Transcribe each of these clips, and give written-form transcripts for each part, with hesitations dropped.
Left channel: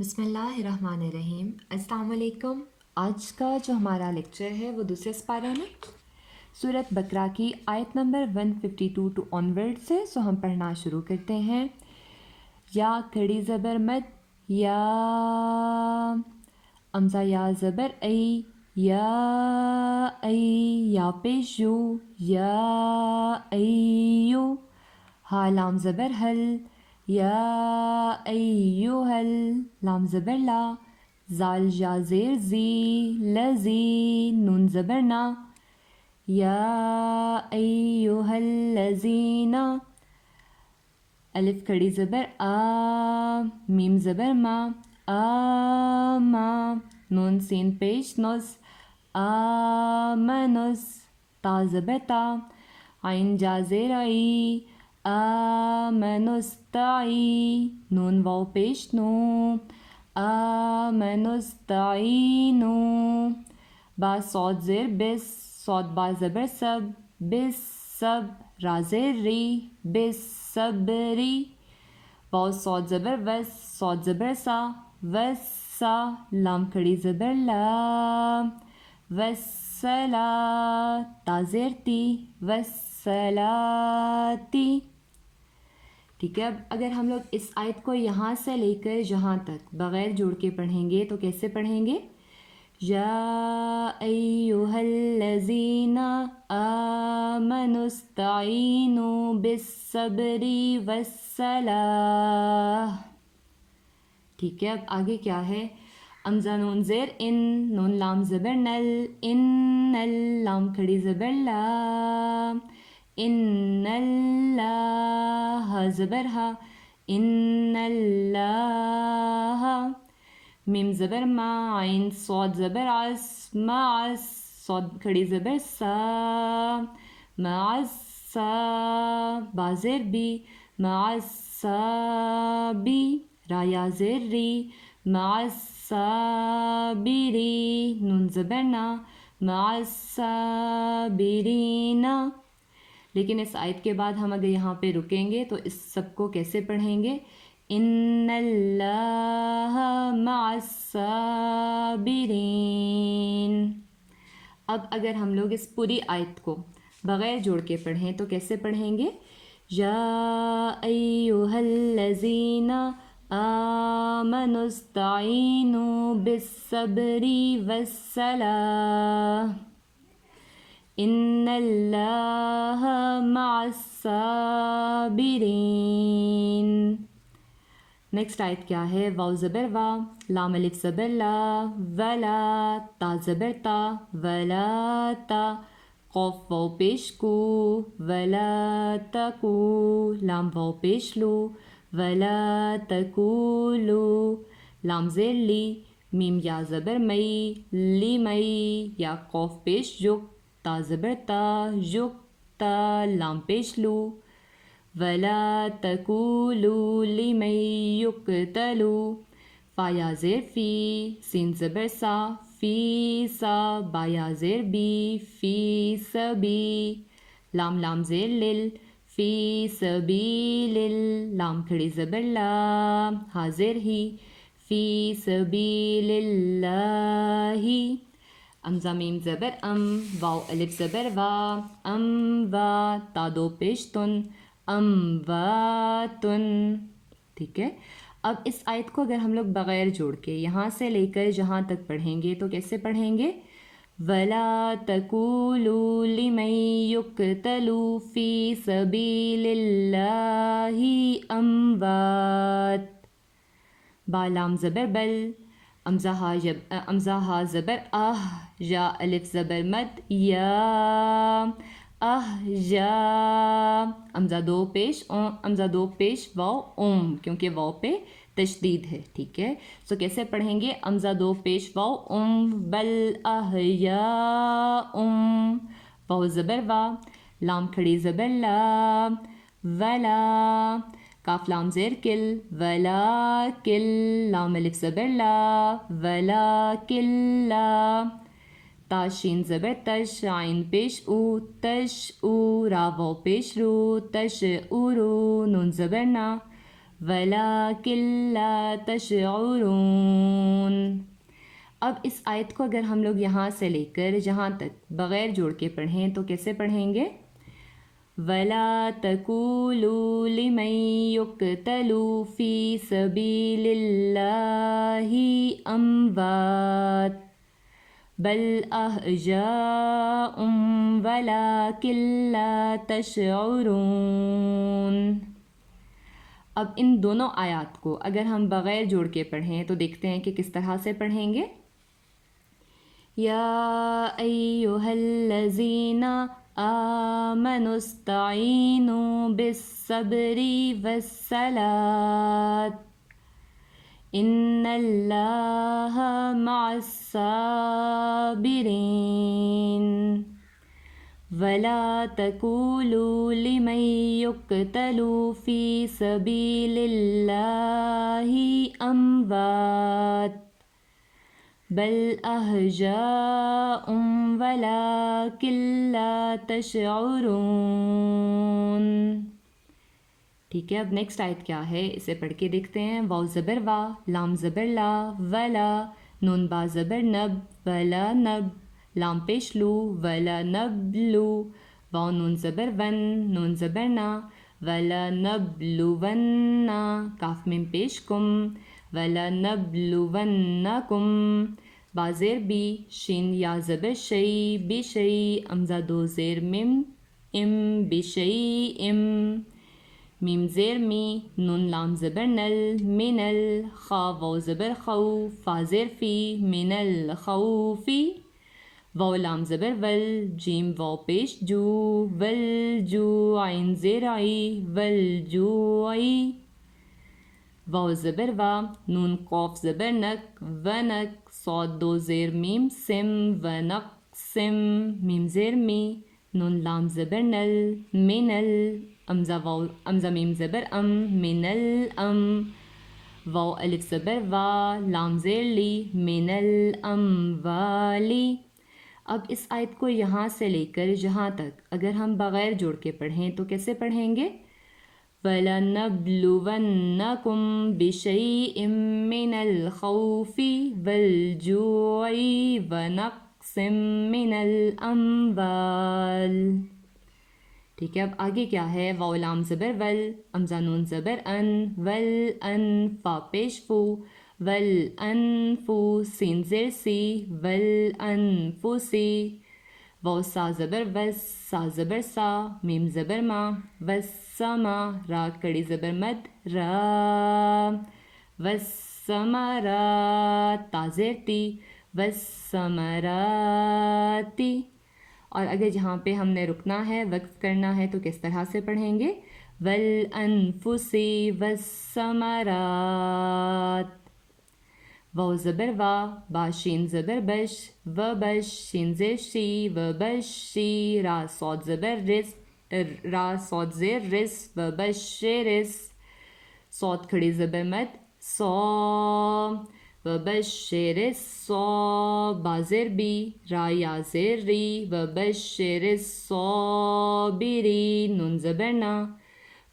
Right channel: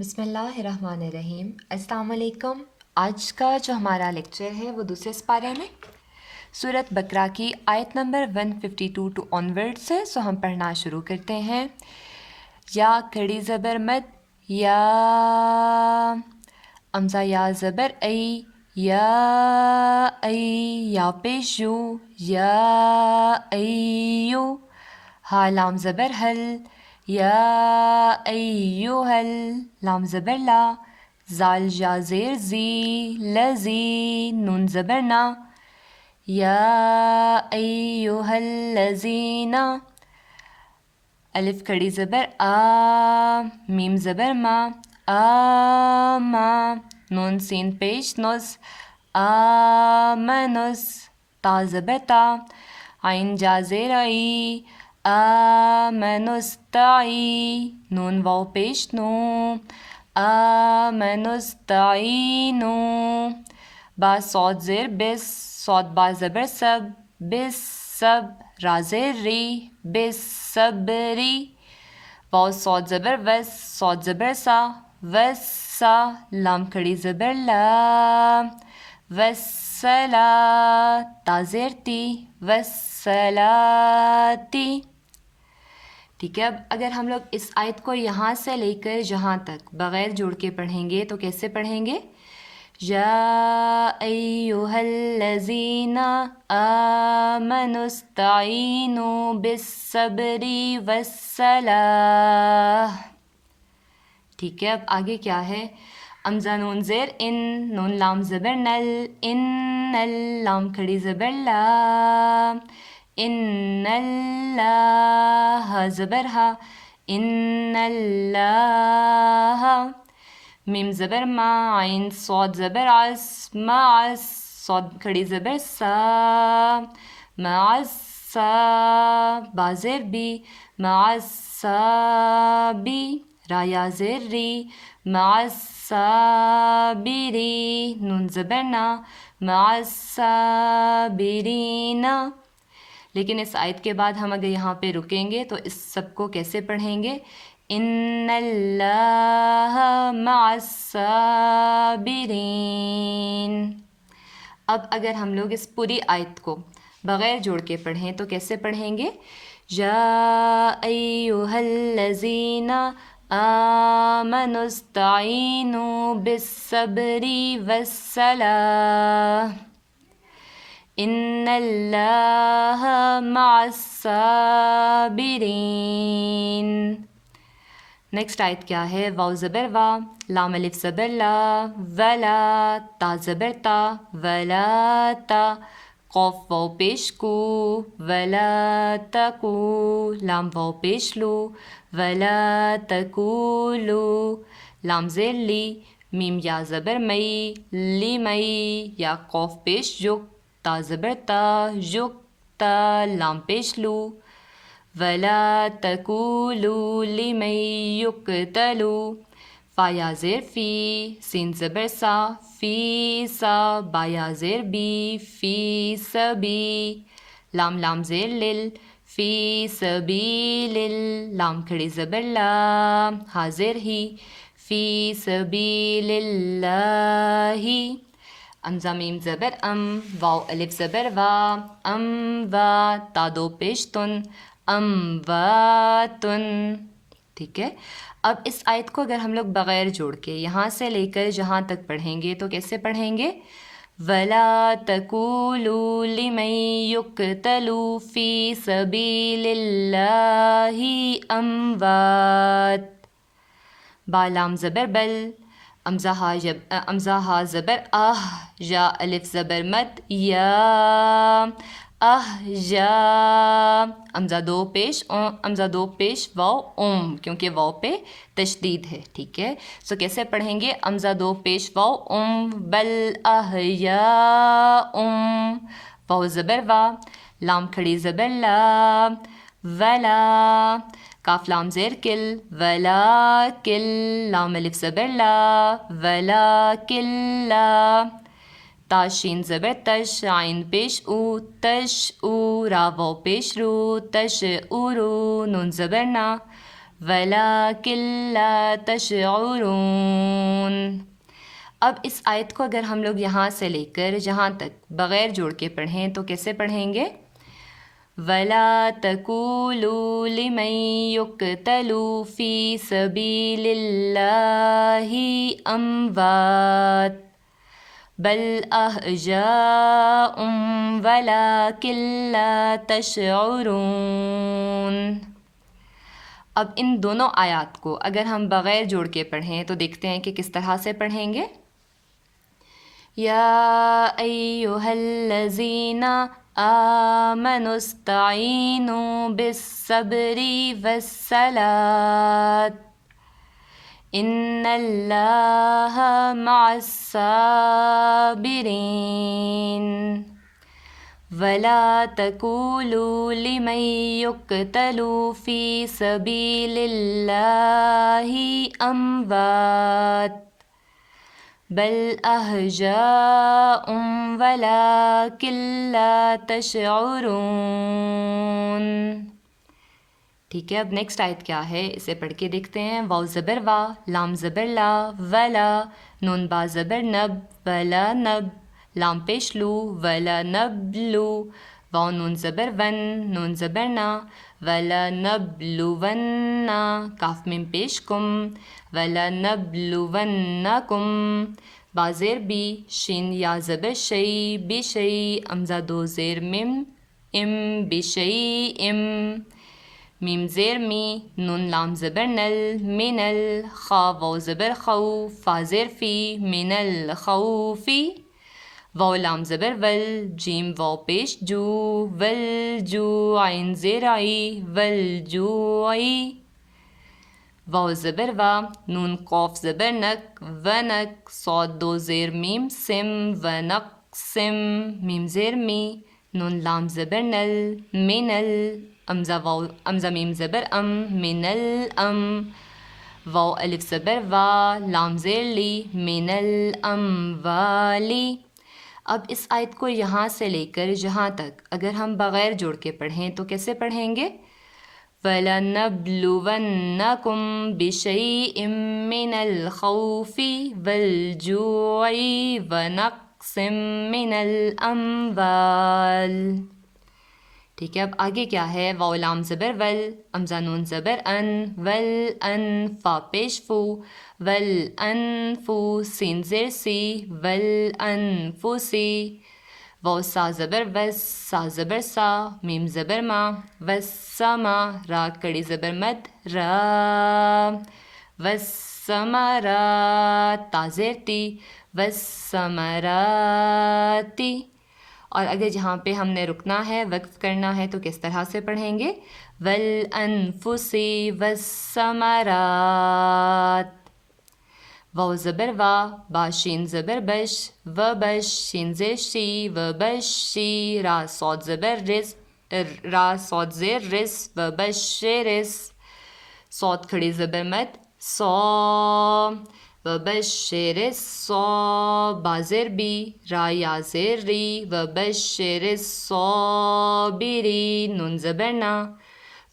بسم اللہ الرحمن الرحیم۔ السلام علیکم۔ آج کا جو ہمارا لیکچر ہے وہ دوسرے سپارے میں سورۃ بقرہ کی آیت نمبر 152 ٹو آنورڈ سے ہم پڑھنا شروع کرتے ہیں۔ یا کھڑی زبر مد، یا امزہ یا زبر ای، یا پیش یو، یا ایو، ہا لام زبر حل، یا ایوہل، لام زبر لا، زال جا زیر زی، لزی، نون زبر نا، یا ایوہل لزین، الف کھڑی زبر آ، میم زبر ما، آما، نون سین پیش نس، آمنس، تا زبر تا، عین جا زیر ای، آمنستعی، نون واو پیش نو، آمنستعینو، با صاد زیر بس، صاد با زبر سب، بس سب، را زیر ری، بس صبری، واو صاد زبر وس، صاد زبر سا، وسا، لام کھڑی زبر لا، وسلا، تا زیر تی، وسلاتی۔ ٹھیک ہے، اب اگر ہم لوگ اس آیت کو یہاں سے لے کر جہاں تک بغیر جوڑ کے پڑھیں گے تو کیسے پڑھیں گے؟ یا ایہا الذین آمنوا استعینوا بالصبر والصلاۃ۔ ٹھیک ہے، اب آگے کیا ہے؟ امزہ نون زیر ان، نون لام زبر نل، ان نل، لام کھڑی زبر لا، ان اللہ، زبر ہا، ان اللہ، میم زبر ما، عین صاد زبر عس، معس، صاد کھڑی زبر سا، معسا، با زیر بی، معصابی، را یا زیر ری، معصابری، نون زبر نا، معصابرین۔ لیکن اس آیت کے بعد ہم اگر یہاں پہ رکیں گے تو اس سب کو کیسے پڑھیں گے؟ ان اللہ مع الصابرین۔ اب اگر ہم لوگ اس پوری آیت کو بغیر جوڑ کے پڑھیں تو کیسے پڑھیں گے؟ یا ایہا الذین آمنوا استعینوا بالصبر والصلاۃ، ان اللہ مع الصابرین۔ نیکسٹ آیت کیا ہے؟ واو زبر وا، لام الف زبر لا، ولا، تا زبر تا، ولا تا، قوف واو پیش کو، ولا تکو، لام واو پیش لو، ولا تکولو، لام زیر لی، میم یا زبر مئی، لی مئی، یا قوف پیش جو، تا زبر تا، یکتا، لام پیش لو، ولا تکولوا لمن یقتل، فا یا زیر فی، سین زبر سا، فی سا، با یا زیر بی، فی سبی، لام زیر لل، فی سبیل، لام کھڑی زبر لا، حاضر ہی، فی سبیل اللہ، امزہ میم زبر ام، واو الف زبر وا، ام وا، تا دو پیش تن، امواتن۔ ٹھیک ہے، اب اس آیت کو اگر ہم لوگ بغیر جوڑ کے یہاں سے لے کر جہاں تک پڑھیں گے تو کیسے پڑھیں گے؟ وَلَا تَقُولُوا لِمَن يُقْتَلُ فِي سَبِيلِ اللَّهِ أَمْوَاتٌ، با لام زبر بل، امزہ ہا زبر آہ، یا الف زبر مد، یا یا، امزہ دو پیش واو اوم، کیونکہ واو پہ تشدید ہے۔ ٹھیک ہے، سو کیسے پڑھیں گے؟ امزہ دو پیش واو اوم، بل احیاء، واو زبر وا، لام کھڑی زبر لا، ولا، کاف لام زیر کل، ولا کل، لام الف زبر لا، ولا کلا، تا شین زبر تش، عین پیش او، تش او، را واو پیش رو، تش او رو، نون زبر نا، وَلَٰكِن لَا تَشْعُرُونَ۔ اب اس آیت کو اگر ہم لوگ یہاں سے لے کر جہاں تک بغیر جوڑ کے پڑھیں تو کیسے پڑھیں گے؟ وَلَا تَقُولُوا لِمَن يُقْتَلُ فِي سَبِيلِ اللَّهِ أَمْوَاتٌ بَلْ أَحْيَاءٌ وَلَٰكِن لَا تَشْعُرُونَ۔ اب ان دونوں آیات کو اگر ہم بغیر جوڑ کے پڑھیں تو دیکھتے ہیں کہ کس طرح سے پڑھیں گے۔ یا ایھا الذین آمنوا استعینوا بالصبر والصلاۃ ان اللہ مع الصابرین وَلَا تَقُولُوا لِمَن يُقْتَلُ فِي سَبِيلِ اللَّهِ أَمْوَاتٌ بَلْ أَحْيَاءٌ وَلَٰكِن لَا تَشْعُرُونَ۔ ٹھیک ہے، اب نیکسٹ آیت کیا ہے اسے پڑھ کے دیکھتے ہیں۔ واو زبر وا، لام زبر لا، ولا، نون با زبر نب، ولا نب، لام پیش لو، ولا نبلو، واو نون زبر ون، نون زبر نا، ولا نبلوننا، کاف میم پیش کم، ولا نبلونکم، با زیر بی، شین یا زبر شی، بشی، امزہ دو زیر میم، ام بشی ام، میم زیر می، نون لام زبر نل، منل، خا واو زبر خو، فا زیر فی، من الخوفی، واو لام زبر ول، جیم واو پیش جو، ول جو، عین زیر عی، ول جوعی، واو زبر وا، نون قوف زبر نک، ونک، صاد دو زیر میم سم، ونق سم، میم زیر می، نون لام زبر نل، منل، امزہ میم زبر ام، من الام، واو الف زبر وا، لام زیر لی، من الاموالی۔ اب اس آیت کو یہاں سے لے کر جہاں تک اگر ہم بغیر جوڑ کے پڑھیں تو کیسے پڑھیں گے؟ وَلَنَبْلُوَنَّكُمْ بِشَيْءٍ مِّنَ الْخَوْفِ وَالْجُوعِ وَنَقْصٍ مِّنَ الْأَمْوَالِ۔ ٹھیک ہے، اب آگے کیا ہے؟ واو لام زبر ول، امزہ نون زبر ان، ول ان، فا پیش فو، ول انفو، سین زیر سی، ول انفسی، واو سا زبر وس، سا زبر سا، میم زبر ما، وسما، را کڑی زبر مد، را، وسمرات، تا زیر تی، وسمراتی۔ اور اگر جہاں پہ ہم نے رکنا ہے، وقف کرنا ہے تو کس طرح سے پڑھیں گے؟ وَالْأَنفُسِ وَالثَّمَرَاتِ، واو زبر وا، با شین زبر بش، و بش، شین زیر شی، و بشی، را صاد زبر رس، را صاد زیر رس، و بشرس، صاد کھڑی زبر مد، صا، و بشر الصا، با زیر بی، را یا زیر ری، و بشر الصابرین، نون زبر نا،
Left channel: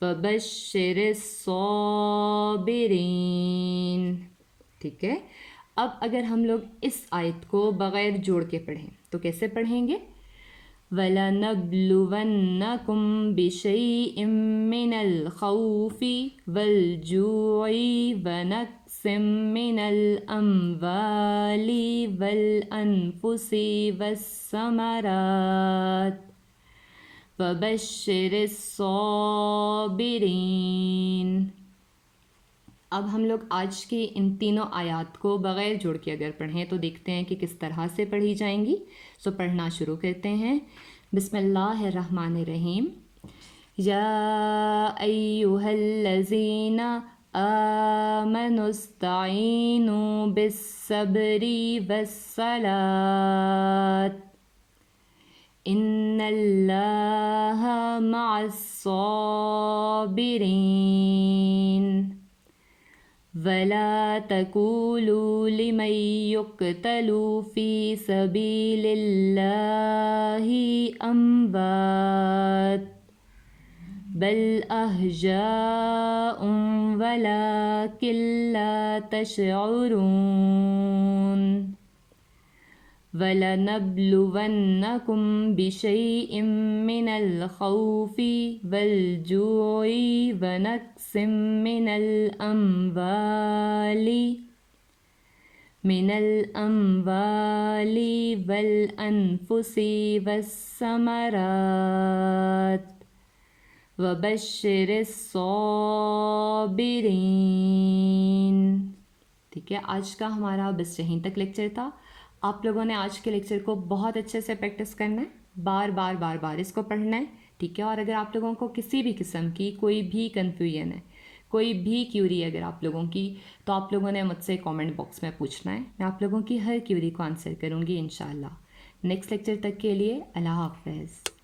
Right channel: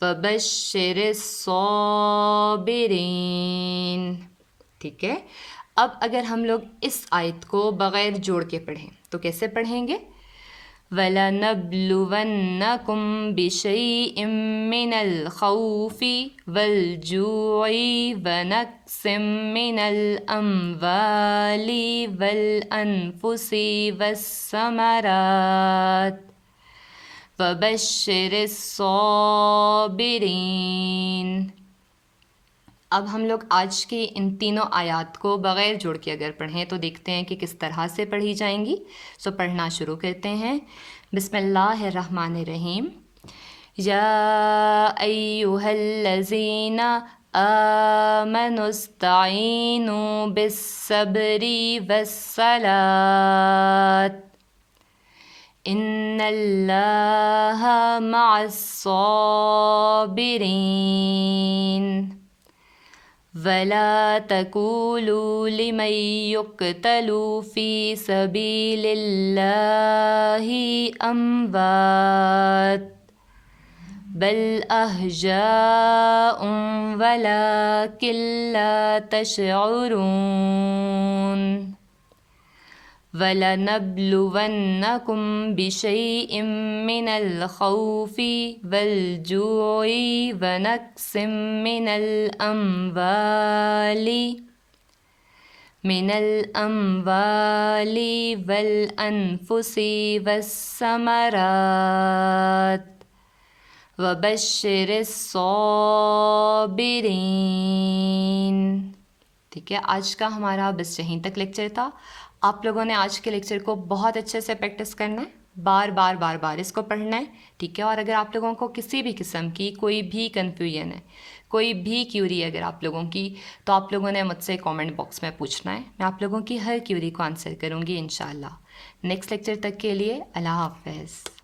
و بشر الصابرین۔ ٹھیک ہے، اب اگر ہم لوگ اس آیت کو بغیر جوڑ کے پڑھیں تو کیسے پڑھیں گے؟ وَلَنَبْلُوَنَّكُمْ بِشَيْءٍ مِّنَ الْخَوْفِ وَالْجُوعِ وَنَقْصٍ مِّنَ الْأَمْوَالِ وَالْأَنفُسِ وَالثَّمَرَاتِ وَبَشِّرِ الصَّابِرِينَ۔ اب ہم لوگ آج کی ان تینوں آیات کو بغیر جوڑ کے اگر پڑھیں تو دیکھتے ہیں کہ کس طرح سے پڑھی جائیں گی۔ سو پڑھنا شروع کرتے ہیں۔ بسم اللہ الرحمن الرحیم۔ یا ایھا الذین آمنوا استعینوا بالصبر والصلاۃ ان اللہ مع الصابرین وَلَا تَقُولُوا لِمَن يُقْتَلُ فِي سَبِيلِ اللَّهِ أَمْوَاتٌ بل احجاء ولكن لا تشعرون وَلَنَبْلُوَنَّكُمْ بِشَيْءٍ مِّنَ الْخَوْفِ وَالْجُوعِ وَنَقْصٍ مِّنَ الْأَمْوَالِ وَالْأَنفُسِ وَالثَّمَرَاتِ وَبَشِّرِ الصَّابِرِينَ۔ ٹھیک ہے، آج کا ہمارا بس یہیں تک لیکچر تھا۔ آپ لوگوں نے آج کے لیکچر کو بہت اچھے سے پریکٹس کرنا ہے، بار بار اس کو پڑھنا ہے، ٹھیک ہے۔ اور اگر آپ لوگوں کو کسی بھی قسم کی کوئی بھی کنفیوژن ہے، کوئی بھی کیوری ہے اگر آپ لوگوں کی، تو آپ لوگوں نے مجھ سے کامنٹ باکس میں پوچھنا ہے، میں آپ لوگوں کی ہر کیوری کو آنسر کروں گی انشاءاللہ۔ نیکسٹ لیکچر تک کے لیے اللہ حافظ۔